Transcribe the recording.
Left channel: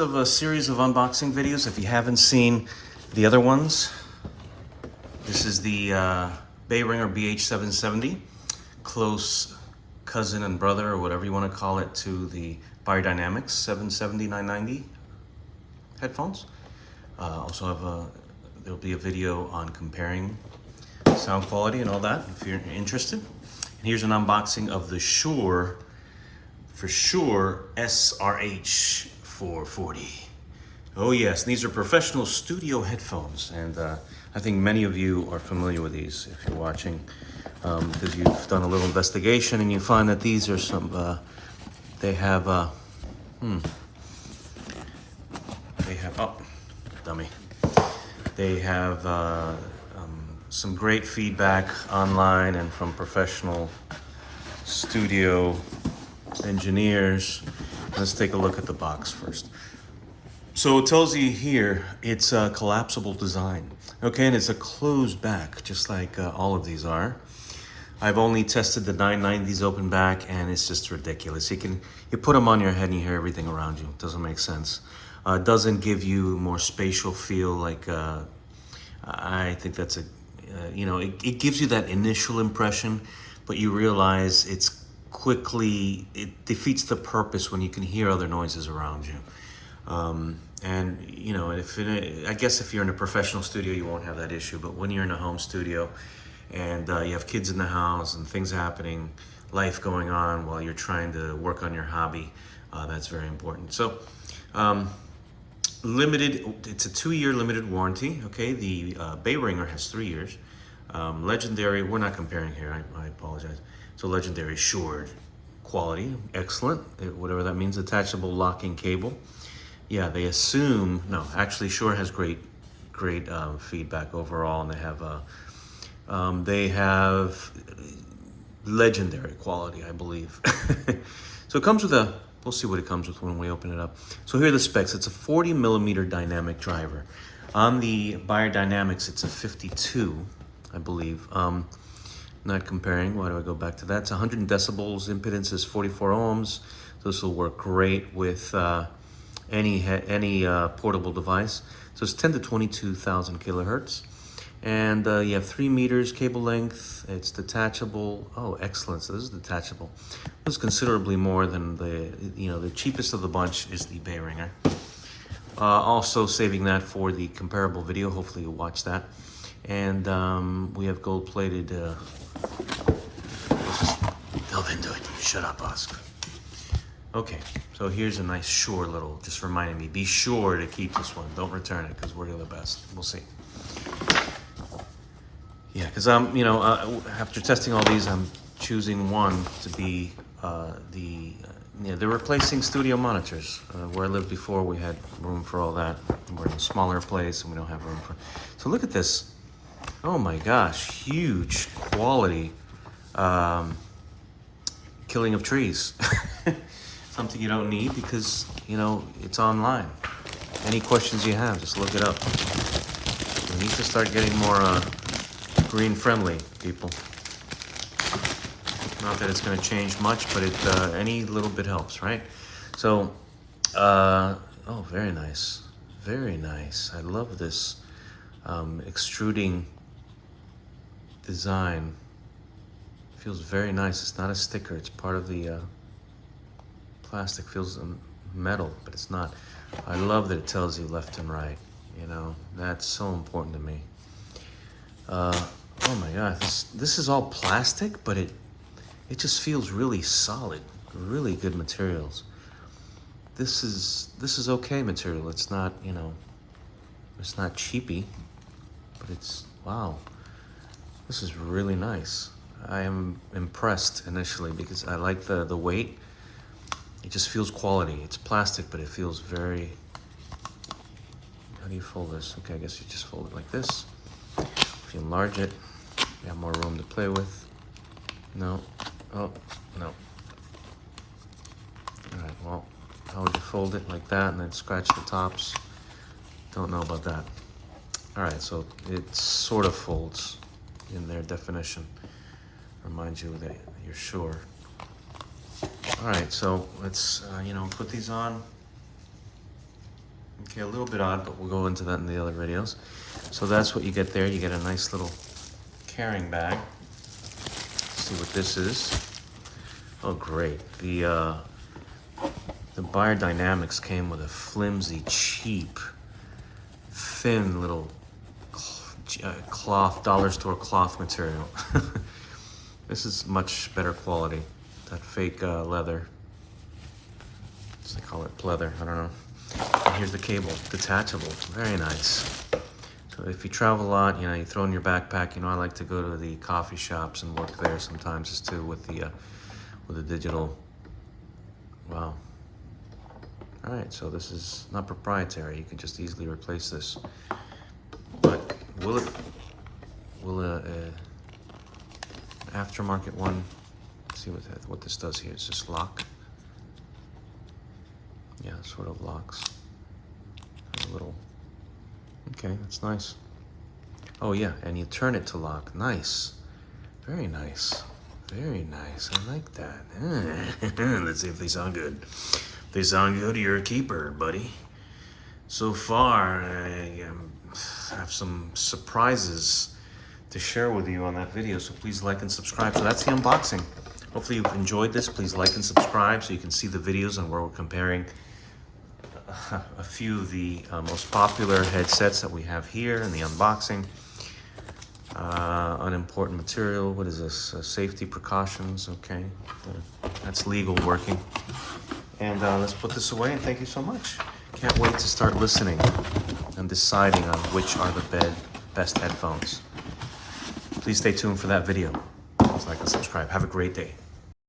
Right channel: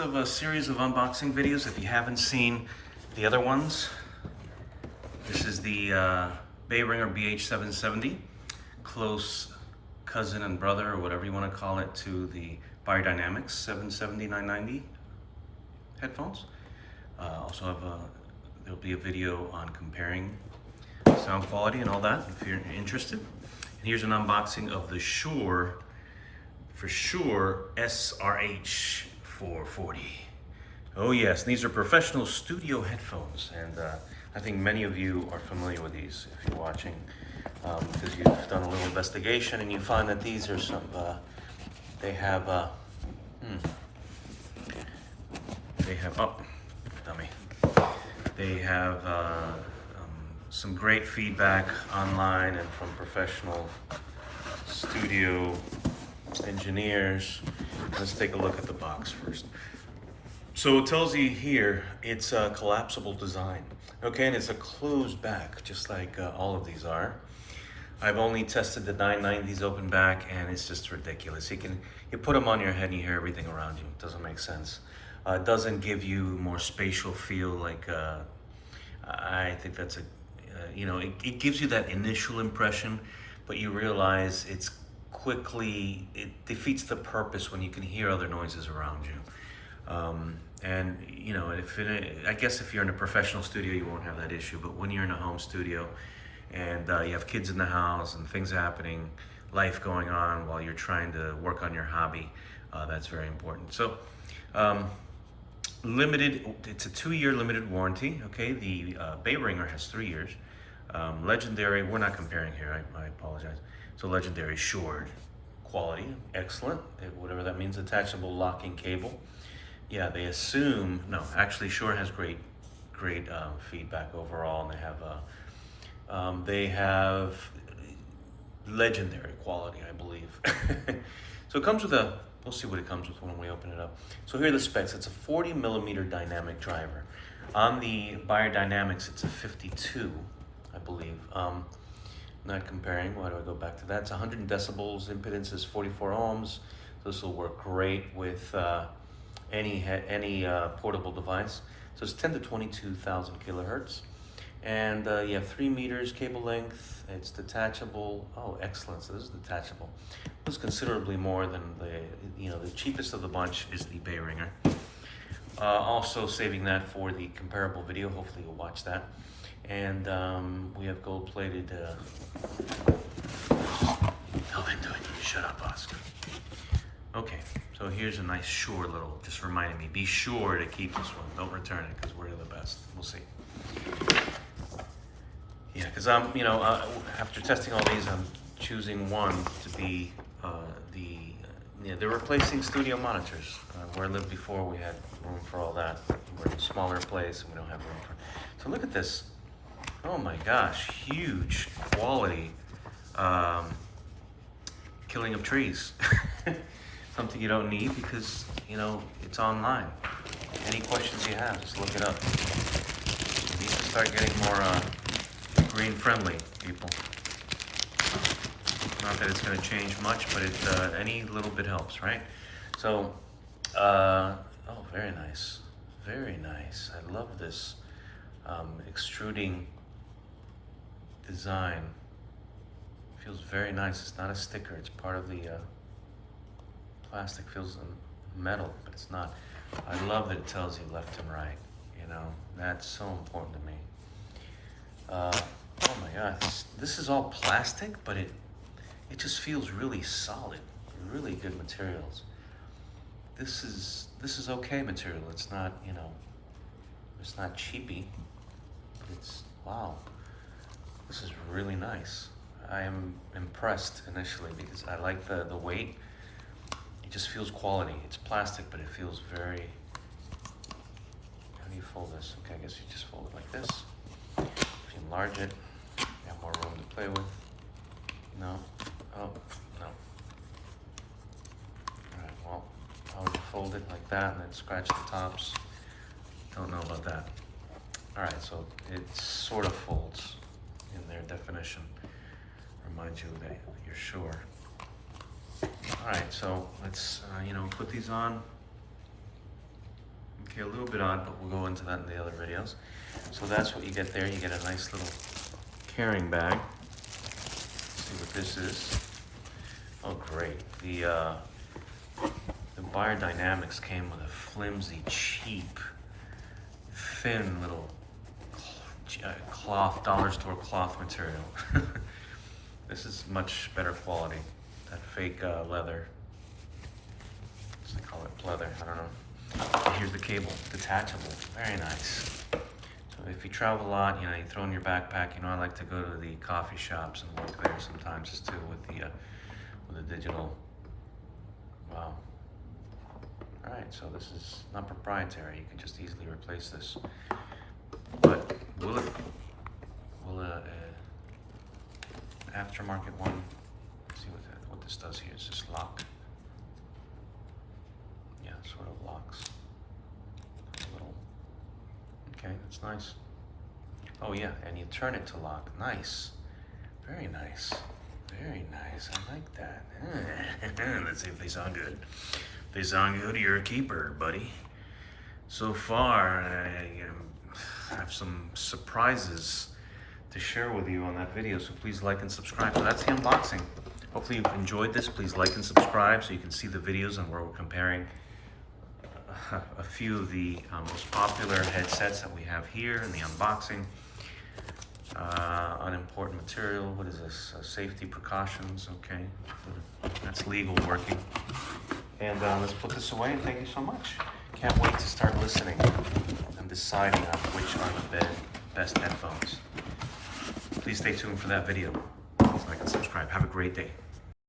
of a series of unboxing videos. If you haven't seen the other ones, this is the Behringer BH770, close cousin and brother, or whatever you want to call it, to the Beyerdynamics 770-990 headphones. Also have there'll be a video on comparing sound quality and all that if you're interested. And here's an unboxing of the Shure, for sure, SRH440. Oh yes, these are professional studio headphones, and I think many of you are familiar with these if you're watching, because you've done a little investigation and you find that these are some, they have, oh, dummy. They have some great feedback online and from professional studio engineers. Let's take a look at the box first. So it tells you here it's a collapsible design, okay, and it's a closed back, just like all of these are. I've only tested the 990s open back, and it's just ridiculous. You put them on your head and you hear everything around you. It doesn't make sense. It doesn't give you more spatial feel. Like I think that's a, it gives you that initial impression, but you realize it defeats the purpose when you can hear other noises around you. And I guess if you're in a professional studio, you won't have that issue. But when you're in a home studio and you have kids in the house and things happening, life going on while you're trying to work on your hobby, that's very important. So, it's a 2-year limited warranty. Okay, the Behringer has 3 years. Legendary, we're not comparing here, I apologize. So legendary Shure quality, excellent, whatever that means. Attachable locking cable. Yeah, they assume, no, actually Shure has great feedback overall, and they have legendary quality, I believe. So it comes with we'll see what it comes with when we open it up. So here are the specs. It's a 40 millimeter dynamic driver. On the Beyerdynamics, it's a 52, I believe. Not comparing, why do I go back to that? It's 100 decibels, impedance is 44 ohms. This will work great with any portable device. So it's 10 to 22,000 kilohertz. And you have 3 meters cable length. It's detachable. Oh, excellent. So this is detachable. It's considerably more than the cheapest of the bunch is the Behringer. Also saving that for the comparable video. Hopefully you'll watch that. And we have gold-plated. Let's just delve into it. Shut up, Oscar. Okay, so here's a nice Shure little, just reminding me, be sure to keep this one. Don't return it, because we're the best. We'll see. Yeah, because after testing all these, I'm choosing one to be they're replacing studio monitors. Where I lived before, we had room for all that. We're in a smaller place, and we don't have room for. So look at this. Oh my gosh, huge quality killing of trees. Something you don't need because, it's online. Any questions you have, just look it up. We need to start getting more green friendly, people. Not that it's going to change much, but any little bit helps, right? So, oh, very nice. Very nice. I love this extruding design. Feels very nice. It's not a sticker. It's part of the plastic. Feels metal, but it's not. I love that it tells you left and right. That's so important to me. Oh my God, this is all plastic, but it just feels really solid. Really good materials. This is okay material. It's not it's not cheapy, but it's wow. This is really nice. I am impressed initially because I like the weight. It just feels quality. It's plastic, but it feels very. How do you fold this? Okay, I guess you just fold it like this. If you enlarge it, you have more room to play with. No. Oh, no. Alright, well, how would you fold it like that and then scratch the tops? Don't know about that. Alright, so it sort of folds in their definition. Reminds you that you're sure. Alright, so let's, put these on. Okay, a little bit odd, but we'll go into that in the other videos. So that's what you get there. You get a nice little carrying bag. Let's see what this is. Oh, great. The Biodynamics came with a flimsy, cheap, thin little cloth, dollar store cloth material. This is much better quality. That fake leather. They call it pleather, I don't know. And here's the cable, detachable, very nice. So if you travel a lot, you know, you throw in your backpack. You know, I like to go to the coffee shops and work there sometimes as too with the digital. Wow. All right, so this is not proprietary. You can just easily replace this. But will an aftermarket one? Let's see what this does here. It's just lock. Yeah, sort of locks. A little. Okay, that's nice. Oh yeah, and you turn it to lock. Nice. Very nice. Very nice. I like that. Let's see if they sound good. If they sound good, you're a keeper, buddy. So far, I have some surprises to share with you on that video, so please like and subscribe. So that's the unboxing. Hopefully you enjoyed this. Please like and subscribe so you can see the videos and where we're comparing a few of the most popular headsets that we have here in the unboxing. Unimportant material, what is this? Safety precautions, okay. That's legal working. And let's put this away, and thank you so much. Can't wait to start listening and deciding on which are the best headphones. Please stay tuned for that video. Like and subscribe. Have a great day.